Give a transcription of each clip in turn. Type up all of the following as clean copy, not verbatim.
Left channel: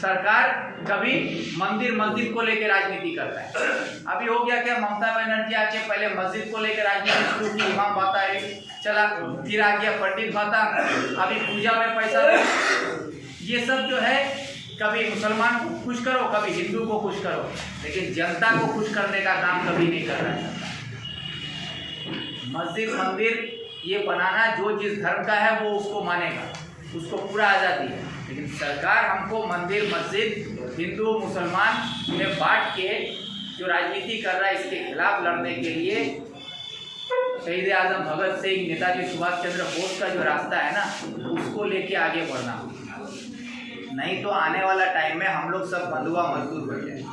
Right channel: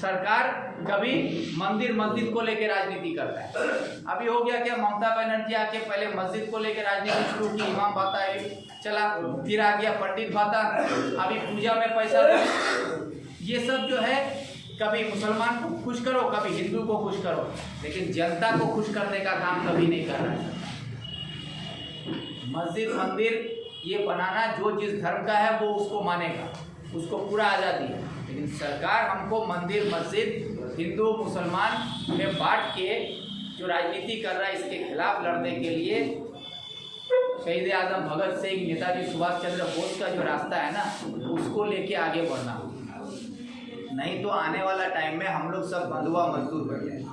सरकार कभी मंदिर मस्जिद को लेकर राजनीति करता है। अभी हो गया क्या, ममता बनर्जी आके पहले मस्जिद को लेकर राजनीति शुरू की, इमाम बाता है चला, फिर आ गया पंडित बाता, अभी पूजा में पैसा। ये सब जो है कभी मुसलमान को खुश करो, कभी हिंदू को खुश करो, लेकिन जनता को खुश करने का काम कभी नहीं कर रहा है। मस्जिद मंदिर ये बनाना जो जिस धर्म का है वो उसको मानेगा, उसको पूरा आज़ादी है, लेकिन सरकार हमको मंदिर मस्जिद हिंदू मुसलमान में बांट के जो राजनीति कर रहा है, इसके खिलाफ लड़ने के लिए शहीद आजम भगत सिंह, नेताजी सुभाष चंद्र बोस का जो रास्ता है ना, उसको लेके आगे बढ़ना। नहीं तो आने वाला टाइम में हम लोग सब बंधुआ मजदूर बन जाएंगे।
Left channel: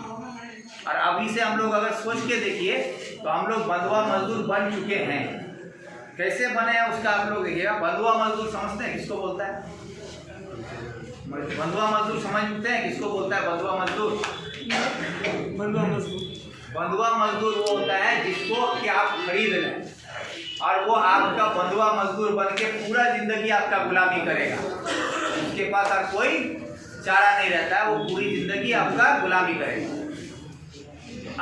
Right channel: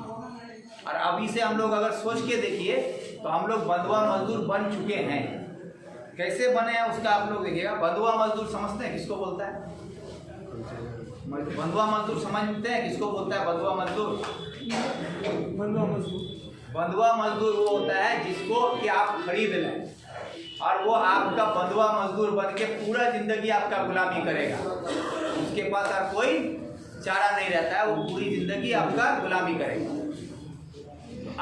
और अभी से हम लोग अगर सोच के देखिए तो हम लोग बंधुआ मजदूर बन चुके हैं। कैसे बने हैं उसका आप लोग देखिएगा। बंधुआ मजदूर समझते हैं किसको बोलता है? बंधुआ मजदूर समझते हैं किसको बोलता है? बंधुआ मजदूर, बंधुआ मजदूर वो होता है जिसको कि आप खरीद लें और वो आपका बंधुआ मजदूर बन के पूरा जिंदगी आपका गुलामी करेगा। उसके पास और कोई चारा नहीं रहता है, वो पूरी जिंदगी आपका गुलामी करेगा।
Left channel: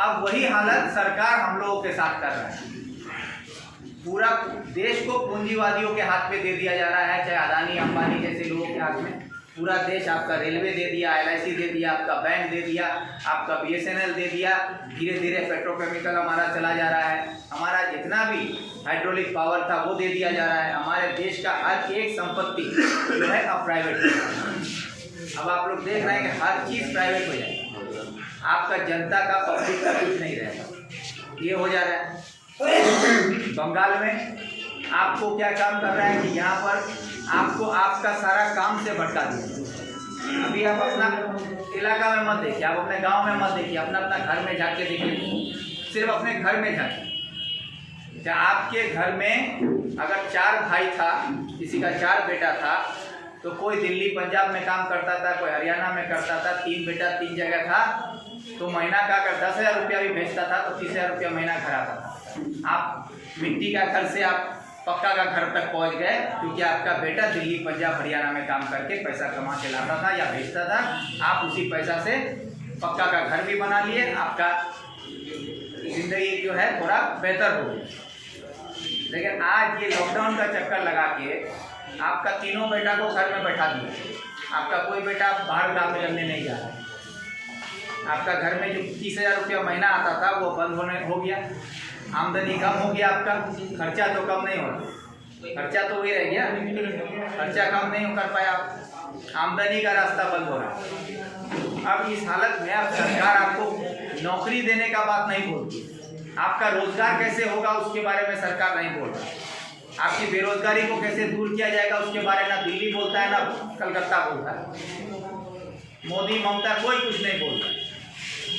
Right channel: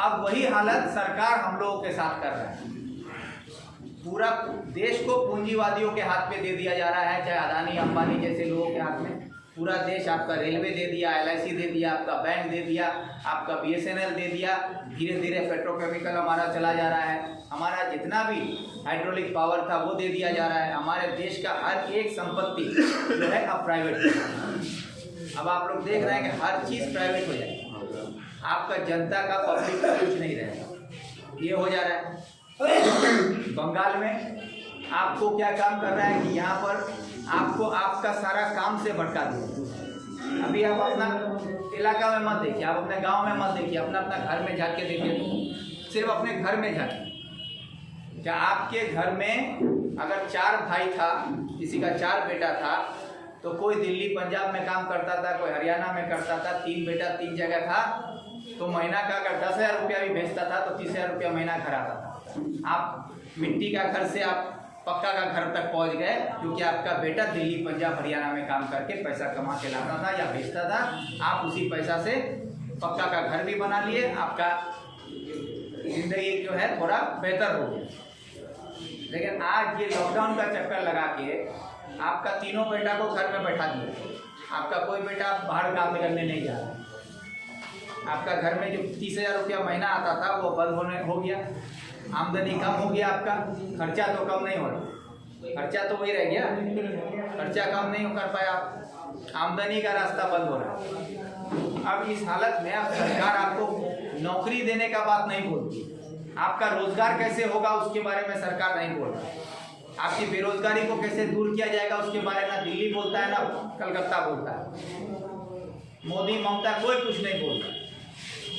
अब वही हालत सरकार हम लोगों के साथ कर रहा है। पूरा देश को पूंजीवादियों के हाथ में दे दिया जा रहा है, चाहे अदानी अंबानी जैसे लोगों के हाथ में। पूरा देश आपका रेलवे दे दिया, LIC दे दिया, आपका बैंक दे दिया, आपका BSNL दे दिया। धीरे धीरे पेट्रोकेमिकल हमारा चला जा रहा है। हमारा जितना भी हाइड्रोलिक पावर था वो दे दिया जा रहा है। हमारे देश का हर एक संपत्ति जो है अब प्राइवेट। अब आप लोग देख रहे हैं कि हर चीज़ प्राइवेट हो जाएगी। आपका जनता का पब्लिक का कुछ नहीं रहेगा। ये हो जा रहा है। बंगाल में आपको क्या काम कर रहे हैं कि यहाँ पर आपको आपका सारा काम से भटका दिया। अभी आप अपना इलाका में मत देखिए, आप अपने गांव में मत देखिए, अपना अपना घर में जाके देखिए। सिर्फ अपने घर में जाके, क्या आपके घर में अगर 4 भाई था, किसी का 4 बेटा था, तो कोई दिल्ली पंजाब में काम करता था, कोई हरियाणा में करता था, 3 बेटा 3 जगह था, तो महीना का अगर 10,000 रुपया भी भेजता था तो 30,000 रुपया महीना घर आता था। आप मिट्टी का घर से आप पक्का का घर तक पहुंच गए, क्योंकि आपका बेटा दिल्ली पंजाब हरियाणा में काम करके पैसा कमा के लाता था या भेजता था। आप उसी पैसा से पक्का का घर भी बना लिए, आपका जिंदगी जो है थोड़ा बेहतर हो गई। लेकिन आज ये लॉकडाउन का चक्कर लगा के आपका तीनों बेटा को घर में बैठा दिया। आपका कोई बेटा बाहर काम करने नहीं जा रहा है। आपका घर में जो 30,000 रुपया महीना आता था वो बंद होने हो गया। आमदनी कम हो गया, आपका खर्चा तो कम नहीं हो रहा, खर्चा तो वही रह गया, खर्चा कम नहीं कर पाया, आमदनी का रास्ता बंद हो रहा। अब इस हालत में अब सरकार आपको नौकरी देने का बात नहीं बोलती, आपका रोजगार कैसे होगा उसके बारे में सरकार नहीं बोल रहा। आपकी बेरोजगारी को कैसे दूर किया जाएगा उसके बारे में ना दिल्ली बोलता है ना कलकत्ता बोलता है। मोदी ममता कोई कुछ नहीं बोलता,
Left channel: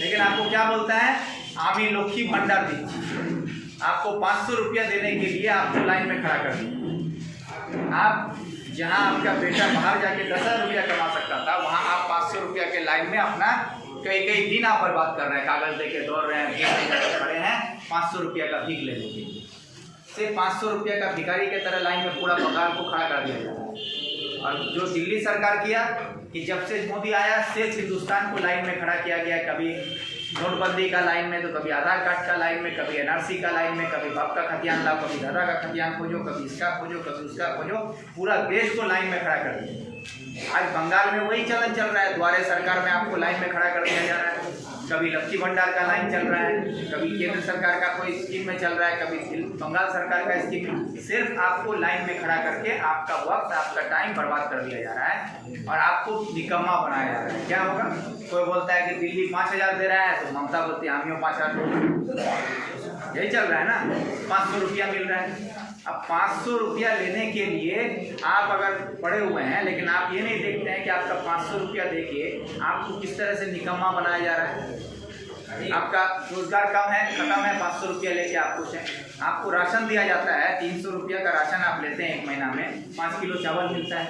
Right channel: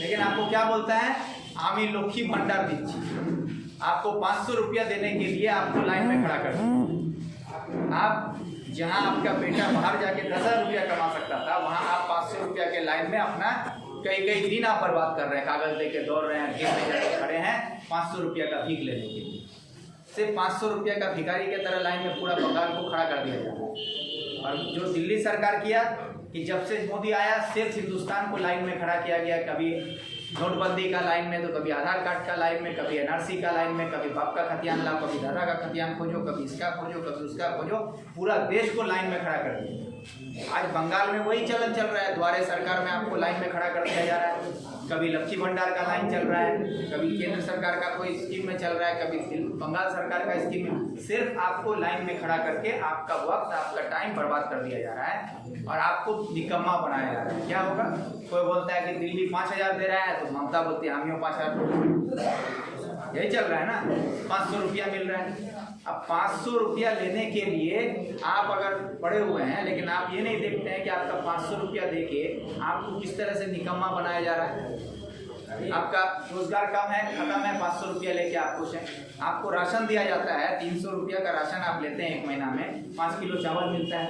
लेकिन आपको क्या बोलता है? आमी लक्ष्मी भंडार दीजिए। आपको 500 रुपया देने के लिए आपको लाइन में खड़ा कर दिया। आप जहां आपका बेटा बाहर जाके 10,000 रुपया कमा सकता था, वहां आप 500 रुपया के लाइन में अपना कई दिन आप बर्बाद कर रहे हैं, कागज लेके दौड़ रहे हैं, खड़े हैं 500 रुपया का भीख लेने के लिए। सिर्फ 500 रुपया का भिखारी के तरह लाइन में पूरा बंगाल को खड़ा कर दिया जाता है। और जो दिल्ली सरकार किया कि जब से मोदी आया सिर्फ हिंदुस्तान को लाइन में खड़ा किया गया। कभी नोटबंदी का लाइन में, तो कभी आधार कार्ड का लाइन में, कभी NRC का लाइन में, कभी बाप का खतियान लाओ, कभी दादा का खतियान खोजो, कभी इसका खोजो, कभी उसका खोजो, पूरा देश को लाइन में खड़ा कर दिया। आज बंगाल में वही चलन चल रहा है। द्वारे सरकार में आपको लाइन में खड़ा कर दिया जा रहा है। कभी लक्ष्मी भंडार का लाइन चल रहा है, कभी केंद्र सरकार का कोई स्कीम में चल रहा है, कभी बंगाल सरकार का स्कीम में। सिर्फ आपको लाइन में खड़ा करके आपका वक्त, आपका टाइम बर्बाद कर दिया जा रहा है और आपको निकम्मा बनाया जा रहा है। क्या होगा? कोई बोलता है कि दिल्ली 5,000 दे रहा है, तो ममता बोलती है हम 5,000। यही चल रहा है ना, 500 रुपया मिल रहा है। अब 500 रुपया लेने के लिए आप अगर पड़े हुए हैं, लेकिन आप ये नहीं देखते हैं कि आपका 500 रुपया देके आपको किस तरह से निकम्मा बनाया जा रहा है। आपका रोजगार कम है, खत्म है, 500 रुपया लेके आप खुश हैं। आपको राशन दिया जाता है, 300 रुपया का राशन आप लेते हैं 1 महीना में, 5 किलो चावल मिलता है,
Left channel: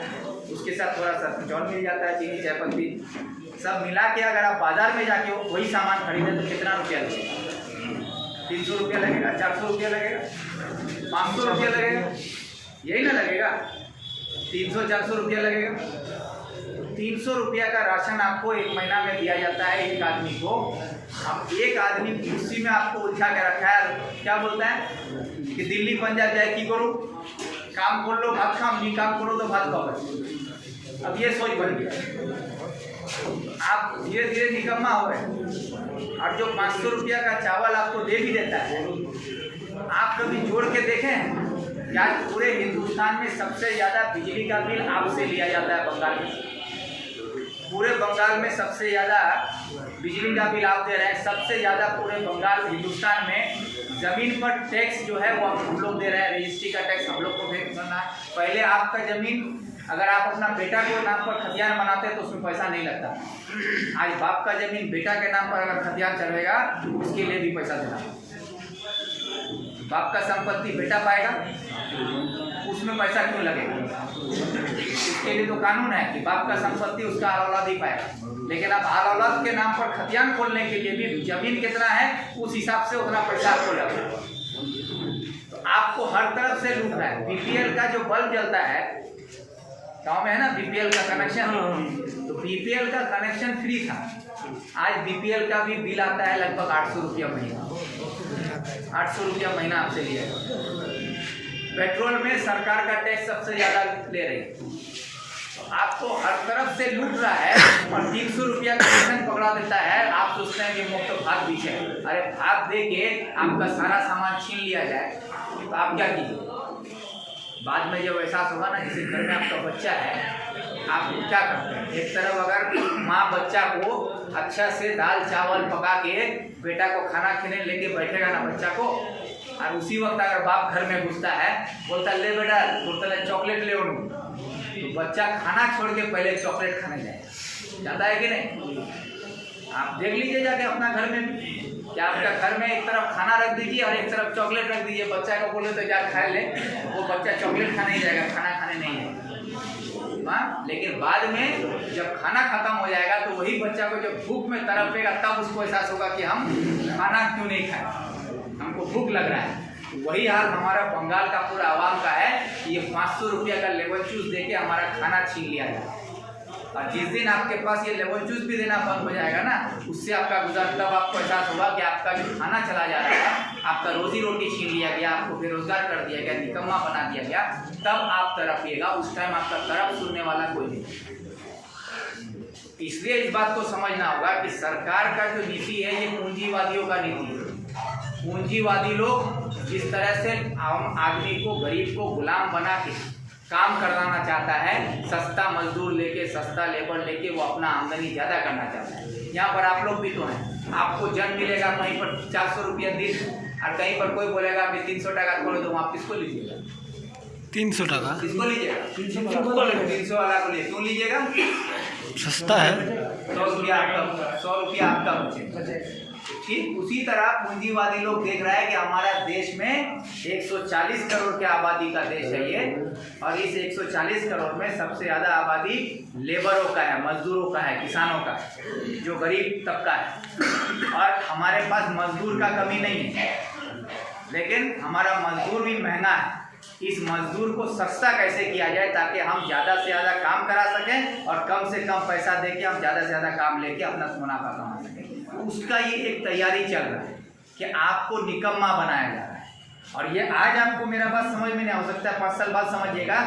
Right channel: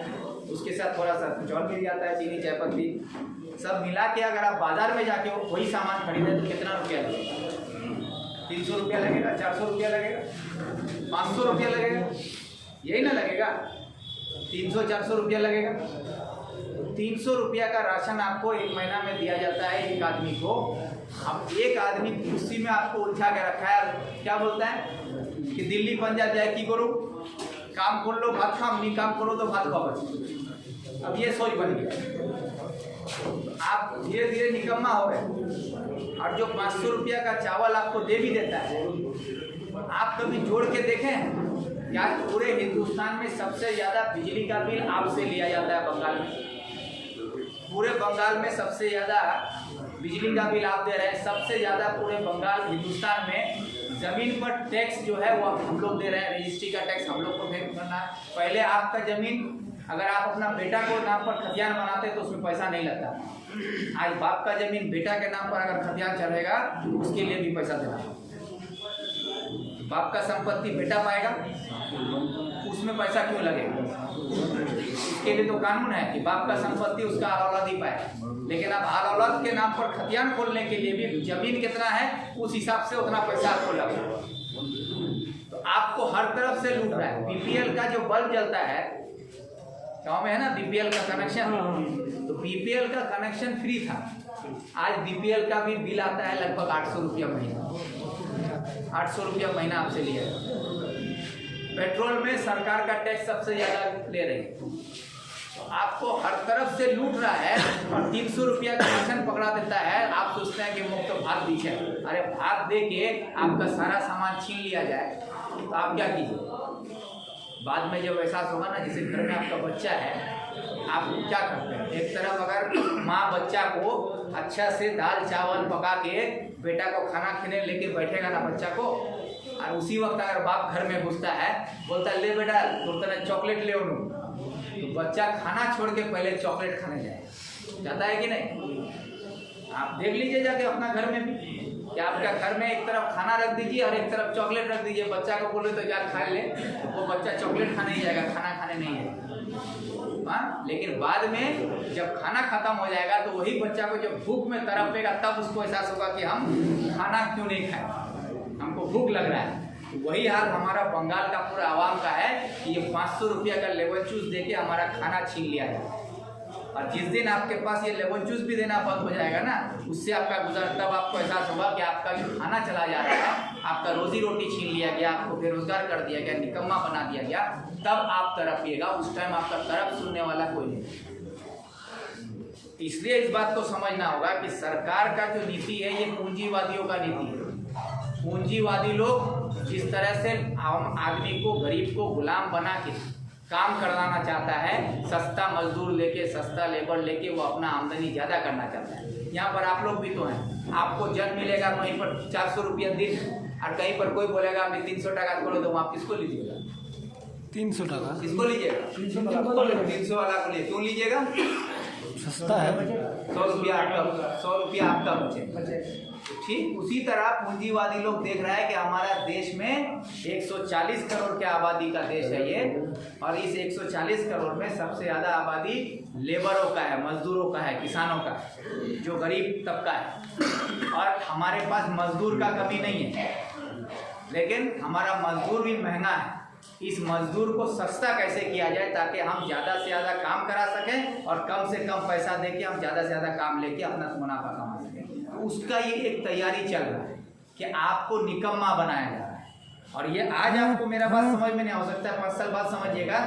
उसके साथ थोड़ा सा चावल मिल जाता है, चीनी चायपत्ती सब मिला के अगर आप बाजार में जाके वही सामान खरीदें तो कितना रुपया लगेगा? 300 रुपया लगेगा, 400 रुपया लगेगा, 500 रुपया लगेगा, यही ना लगेगा? 300-400 रुपया लगेगा। 300 रुपया का राशन आपको एक महीना में दिया जाता है एक आदमी को। अब एक आदमी कुर्सी में आपको उठा के रखा है, क्या बोलता है कि दिल्ली पंजाब जाए की करो, काम कर लो भात खाओ, नहीं काम करो तो भात खाओ। अब ये सोच बन गया, आप धीरे धीरे निकम्मा हो रहे। और जो 500 रुपया का चावल आपको दे भी देता है, आप कभी जोड़ के देखें क्या पूरे हिंदुस्तान में सबसे ज़्यादा बिजली का बिल आपसे लिया जाता है बंगाल में। पूरे बंगाल में सबसे ज़्यादा बिजली का बिल आप दे रहे हैं, सबसे ज़्यादा पूरे बंगाल हिंदुस्तान में। ज़मीन पर टैक्स जो है वो हम लोग दे रहे हैं, रजिस्ट्री का टैक्स हम लोग को पे करना है। पहले आपका ज़मीन अगर आप अपना बेटा के नाम पर खतियान बनाते तो उसमें पैसा नहीं लगता। आज बाप का ज़मीन बेटा के नाम पर अगर खतियान चढ़ेगा तो उसके लिए भी पैसा देना है। बाप का संपत्ति बेटा पाएगा, उसमें पैसा क्यों लगेगा? उसके लिए तो कानून है कि बाप का संपत्ति उसका औलाद ही पाएगा। लेकिन अब औलाद के नाम पर खतियान खोलने के लिए भी जमीन कितना है उस हिसाब से उतना पैसा आपको लगेगा। तो आपको हर तरफ से लूट रहा है। बीपीएल का जो बल्ब जलता है गाँव में है ना, बीपीएल का कनेक्शन, तो बीपीएल का कनेक्शन फ्री था। आज बीपीएल का भी बिल आता है लगभग 800 रुपया महीना। 800 रुपया महीना आपसे लिया। पेट्रोल में सरकार का टैक्स सबसे ज़्यादा ले रही है। तो आपको हर तरफ से लूट रहा है और 300 रुपया का राशन पकड़ा देता है। आप सोचते हैं कि मुफ्त भात भी है। अरे भात दे के आपका सारा सामान छीन लिया जाए तो आप क्या कीजिए? बाद में जब एहसास होगा ना, जैसे घर में आपका बच्चा है, आप क्या करते हैं? एक तरफ अगर माँ बच्चा को अच्छा से दाल चावल पका के बेटा को खाना खिलाने लेके बैठेगा ना बच्चा को, और उसी वक्त अगर बाप घर में घुसता है, बोलता है ले बेटा बोलता चॉकलेट ले उनू, तो बच्चा खाना छोड़ के पहले चॉकलेट खाने जाता है कि नहीं? आप देख लीजिए जाके अपना घर में भी कि आपका घर में एक तरफ खाना रख दीजिए और एक तरफ चॉकलेट रख दीजिए। बच्चा को बोले तो जा खा ले, वो बच्चा चॉकलेट खाने ही जाएगा, खाना खाने नहीं जाएगा। हाँ, लेकिन बाद में जब खाना खत्म हो जाएगा तो वही बच्चा को जब भूख में तड़पेगा तब उसको एहसास होगा कि हम खाना क्यों नहीं खाए, हमको भूख लग रहा है। वही हाल हमारा बंगाल का पूरा आवाम का है कि ये 500 रुपया का लेमन जूस देके हमारा खाना छीन लिया जाए। और जिस दिन आपके पास ये लेमन जूस भी देना बंद हो जाएगा ना, उससे आपका गुजर, तब आपको एहसास होगा कि आपका जो खाना चला जा रहा है, आपका रोजी रोटी छीन लिया गया, आपको बेरोजगार कर दिया गया, निकम्मा बना दिया गया। तब आप तड़पिएगा, उस टाइम आपका तरफ सुनने वाला कोई नहीं। इसलिए इस बात को समझना होगा कि सरकार का जो नीति है ये पूंजीवादियों का नीति है। पूंजीवादी लोग जिस तरह से आम आदमी को, गरीब को गुलाम बना के काम करवाना चाहता है, सस्ता मजदूर लेके, सस्ता लेबर लेके वो अपना आमदनी ज़्यादा करना चाहता है। यहाँ पर आप लोग भी तो हैं, आपको जन मिलेगा वहीं पर 400 रुपया दिन, और कहीं पर कोई बोलेगा कि 300 टका खोलो, तो आप किसको लीजिएगा? 300 टका किसको लीजिएगा? 300 वाला को लिए क्यों लीजिएगा? सस्ता है। 100 रुपया आपका बचे। ठीक उसी तरह पूंजीवादी लोग देख रहा है कि हमारा देश में 140 करोड़ की आबादी का देश है ये, और इस 140 करोड़ में सबसे ज़्यादा आबादी लेबरों का है, मजदूरों का है, किसानों का, जो गरीब तबका है। और हमारे पास मजदूर का कमी नहीं है, लेकिन हमारा मजदूर भी महंगा है। इस मजदूर को सस्ता कैसे किया जाए ताकि हम ज़्यादा से ज़्यादा काम करा सकें और कम से कम पैसा देके हम ज़्यादा से ज़्यादा काम लेके अपना मुनाफा कमा सकें। उसका ये एक तैयारी चल रहा है कि आपको निकम्मा बनाया जा रहा है। और ये आज आपको मेरा बात समझ में नहीं हो सकता है, 5 साल बाद समझिएगा,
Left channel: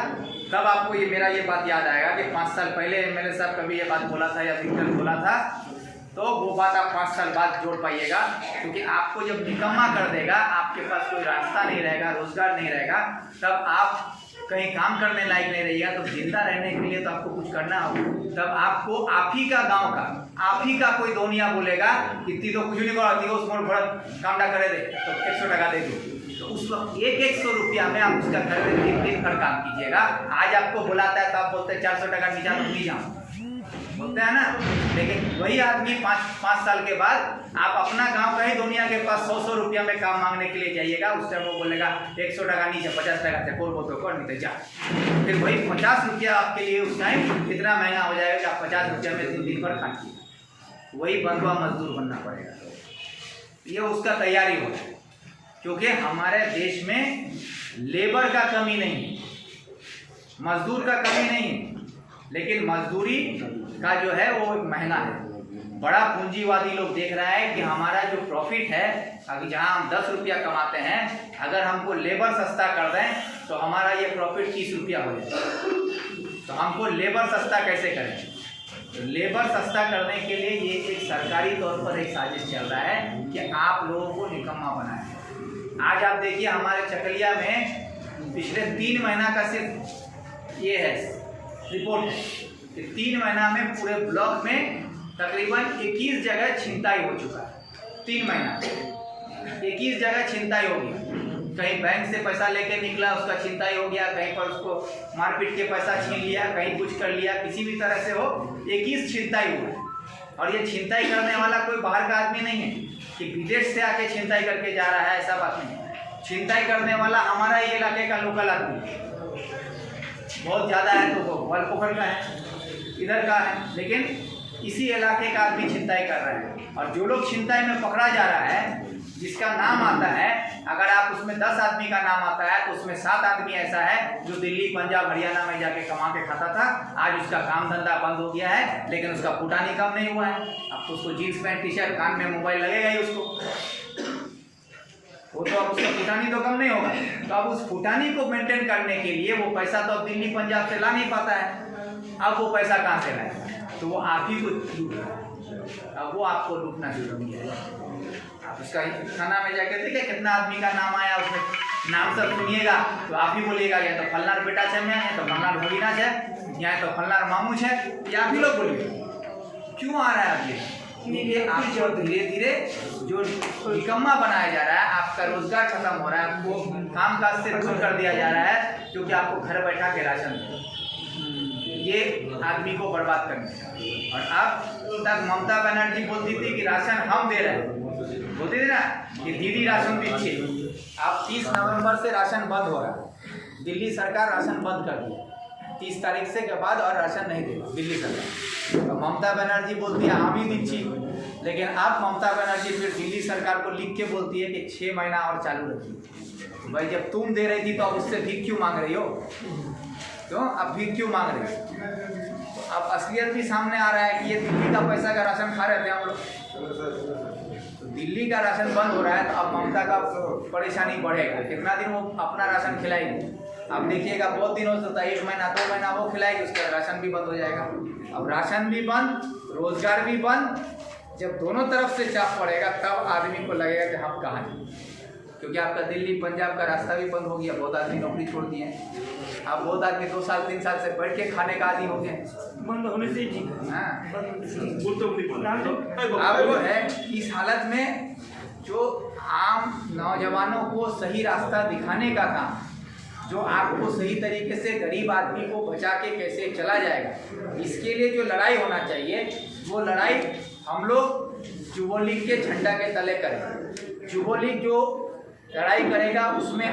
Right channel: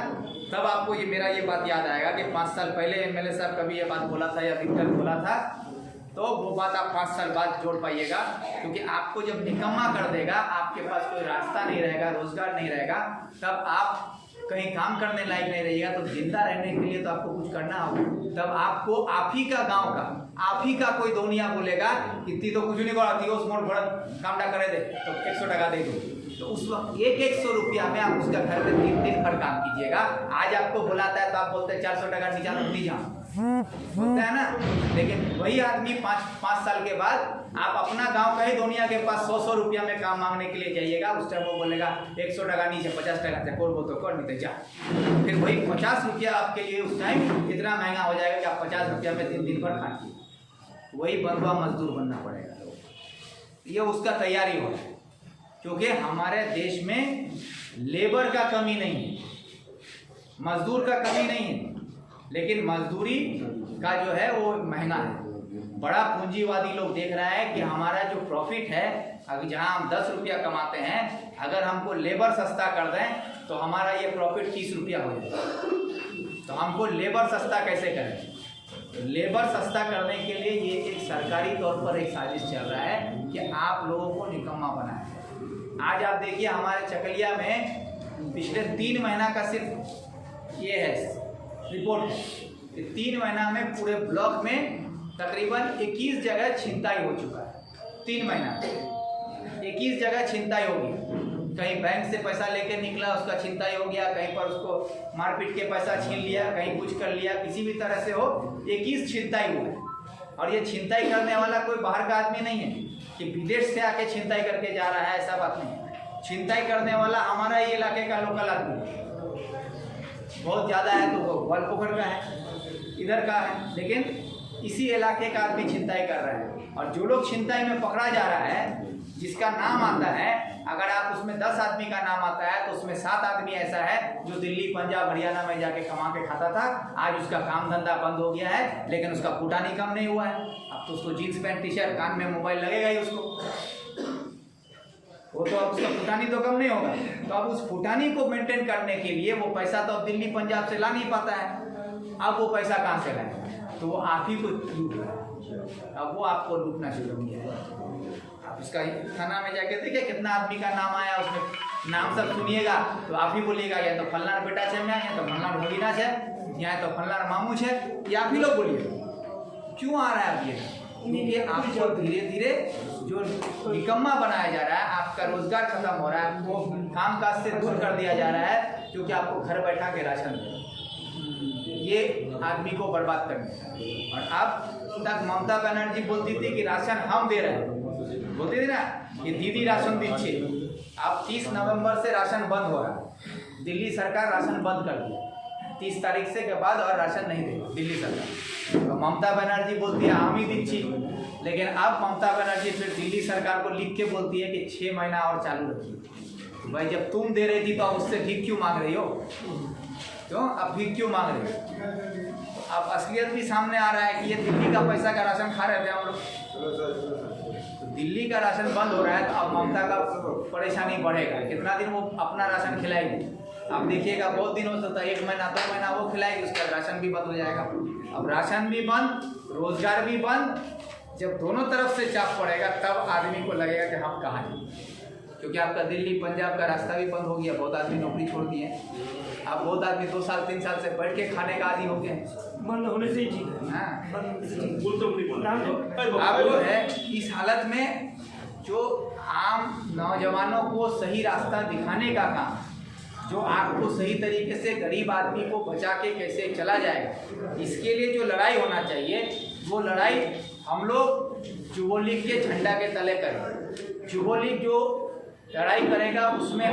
तब आपको ये मेरा ये बात याद आएगा कि 5 साल पहले एमएलए साहब कभी ये बात बोला था या दिक्कत बोला था, तो वो बात आप 5 साल बाद जोड़ पाइएगा। क्योंकि आपको जब निकम्मा कर देगा, आपके पास कोई रास्ता नहीं रहेगा, रोजगार नहीं रहेगा, तब आप कहीं काम करने लायक नहीं रहिएगा। तो जिंदा रहने के लिए तो आपको कुछ करना होगा। तब आपको आप ही का गांव का, आप ही का कोई दोनिया बोलेगा इतनी तो कुछ नहीं कराती हो, उसमें बड़ा काम ना करे दे तो 100 टका दे दो। तो उस वक्त 100 रुपया में आप उसका घर में 3 दिन भर काम कीजिएगा। आज आपको बुलाता है तो आप बोलते हैं 400 टका नीचा तो नहीं जाओ, बोलते हैं ना। लेकिन वही आदमी 5 साल के बाद आप अपना गांव का ही दुनिया के पास 100 रुपया में काम मांगने के लिए जाइएगा, उस टाइम वो बोलेगा 100 टका नीचे 50 टका से कोल बोल तो कर नहीं जा। फिर वही 50 रुपया आपके लिए उस टाइम इतना महंगा हो जाएगा कि आप 50 रुपया में 3 दिन भर खा लीजिए। वही बंधुआ मजदूर बनना पड़ेगा। ये उसका तैयारी होगा, क्योंकि हमारे देश में लेबर का कमी नहीं है, मजदूर का कमी नहीं है, लेकिन मजदूरी का जो है वो महीना है। बड़ा पूंजीवादी लोग देख रहा है कि हमारा जो प्रॉफिट है, अगर जहाँ हम 10 रुपया कमाते हैं, अगर हमको लेबर सस्ता कर दें तो हमारा ये प्रॉफिट 30 रुपया हो जाए। तो हमको लेबर सस्ता कैसे करें? तो लेबर सस्ता करने के लिए ये एक सरकारी तौर पर एक साजिश चल रहा है कि आप लोगों को निकम्मा बनाएं। आज आप देखिए हमारे चकलिया में पिछले 3 महीना का सिर्फ ये है रिपोर्ट है कि 3 महीना में पूरे ब्लॉक में तकरीबन 21 जगह छिनताई हो चुका है। 3 महीना 21 जगह छिनताई होगी। कहीं बैंक से पैसा लेके निकला, उसका छिनताई हो गया, कहीं पर उसको मारपीट के पैसा छीन लिया, कहीं कुछ कर लिया, किसी भी तरह से हो 21 छिनताई हुआ। और ये छिनताई करने वाला कोई बाहर का आदमी नहीं है कि विदेश से आके छिनताई करके जा रहा है, ऐसा बात नहीं है। छिनताई करने वाला हमारा ही इलाके का लोकल आदमी, बहुत ज़्यादा है तो वो ग्वालपोखर का है, इधर का है, लेकिन इसी इलाके का आदमी छिनताई कर रहा है। और जो लोग छिनताई में पकड़ा जा रहा है, जिसका नाम आता है, अगर आप उसमें 10 आदमी का नाम आता है तो उसमें 7 आदमी ऐसा है जो दिल्ली, पंजाब, हरियाणा में जाके कमा के खाता था। आज उसका काम धंधा बंद हो गया है, लेकिन उसका फुटानी कम नहीं हुआ है। अब तो उसको जीन्स पैंट, टी शर्ट, कान में मोबाइल लगेगा ही उसको, वो तो अब उसका फुटानी तो कम नहीं होगा। तो अब उस फुटानी को मेंटेन करने के लिए वो पैसा तो अब दिल्ली, पंजाब से ला नहीं पाता है। अब वो पैसा कहाँ से लाए? तो वो आप ही को लूट रहा है। अब वो आपको लूटना शुरू किया है। आप उसका थाना में जाके देखिए कितना आदमी का नाम आया, उसमें नाम सब सुनिएगा तो आप ही बोलिएगा या तो फलनार बेटा है, या तो फलनार भगीना है, या तो फलनार मामू है, या आप ही लोग बोलिएगा। क्यों आ रहा है अब ये? आपको धीरे धीरे जो निकम्मा बनाया जा रहा है, आपका रोजगार खत्म हो रहा है, आपको काम काज से दूर कर दिया जा रहा है, क्योंकि आपको घर बैठा के राशन दे, ये आदमी को बर्बाद करने का। और अब तक ममता बनर्जी बोलती थी कि राशन हम दे रहे हैं, बोलती थी ना कि दीदी राशन दीजिए। अब 30 नवंबर से राशन बंद हो रहा है। दिल्ली सरकार राशन बंद कर दी 30 तारीख से के बाद, और राशन नहीं देगी दिल्ली सरकार। तो ममता बनर्जी बोलती है हम ही दीजिए, लेकिन अब ममता बनर्जी फिर दिल्ली सरकार को लिख के बोलती है कि 6 महीना और चालू रखिए। भाई जब तुम दे रही थी तो उससे भीख क्यों मांग रही हो? क्यों अब भीख क्यों मांग रही हो? तो अब असलियत भी सामने आ रहा है कि ये दिल्ली का पैसा का राशन खा रहे थे हम लोग। दिल्ली का राशन बंद हो रहा है तो अब ममता का परेशानी बढ़ेगा। कितना दिन वो अपना राशन खिलाएगी? अब देखिएगा बहुत दिन हो सकता है, 1 महीना 2 महीना वो खिलाएगी, उसका राशन भी बंद हो जाएगा। अब राशन भी बंद, रोजगार भी बंद। जब दोनों तरफ से चाप पड़ेगा तब आदमी को लगेगा कि हम कहाँ हैं, क्योंकि आपका दिल्ली, पंजाब का रास्ता भी बंद हो गया। बहुत आदमी नौकरी छोड़ दिए हैं। अब बहुत आदमी 2 साल 3 साल से बैठ के खाने का आदि हो गए। बंद होने से ही अब वो है इस हालत में जो आम नौजवानों को सही रास्ता दिखाने का काम, जो आपको सही तरीके से गरीब आदमी को बचा के कैसे चला जाएगा, इसके लिए जो लड़ाई होना चाहिए, वो लड़ाई हम लोग युवा लीग के झंडा के तले करें। युवा लीग जो लड़ाई करेगा उसमें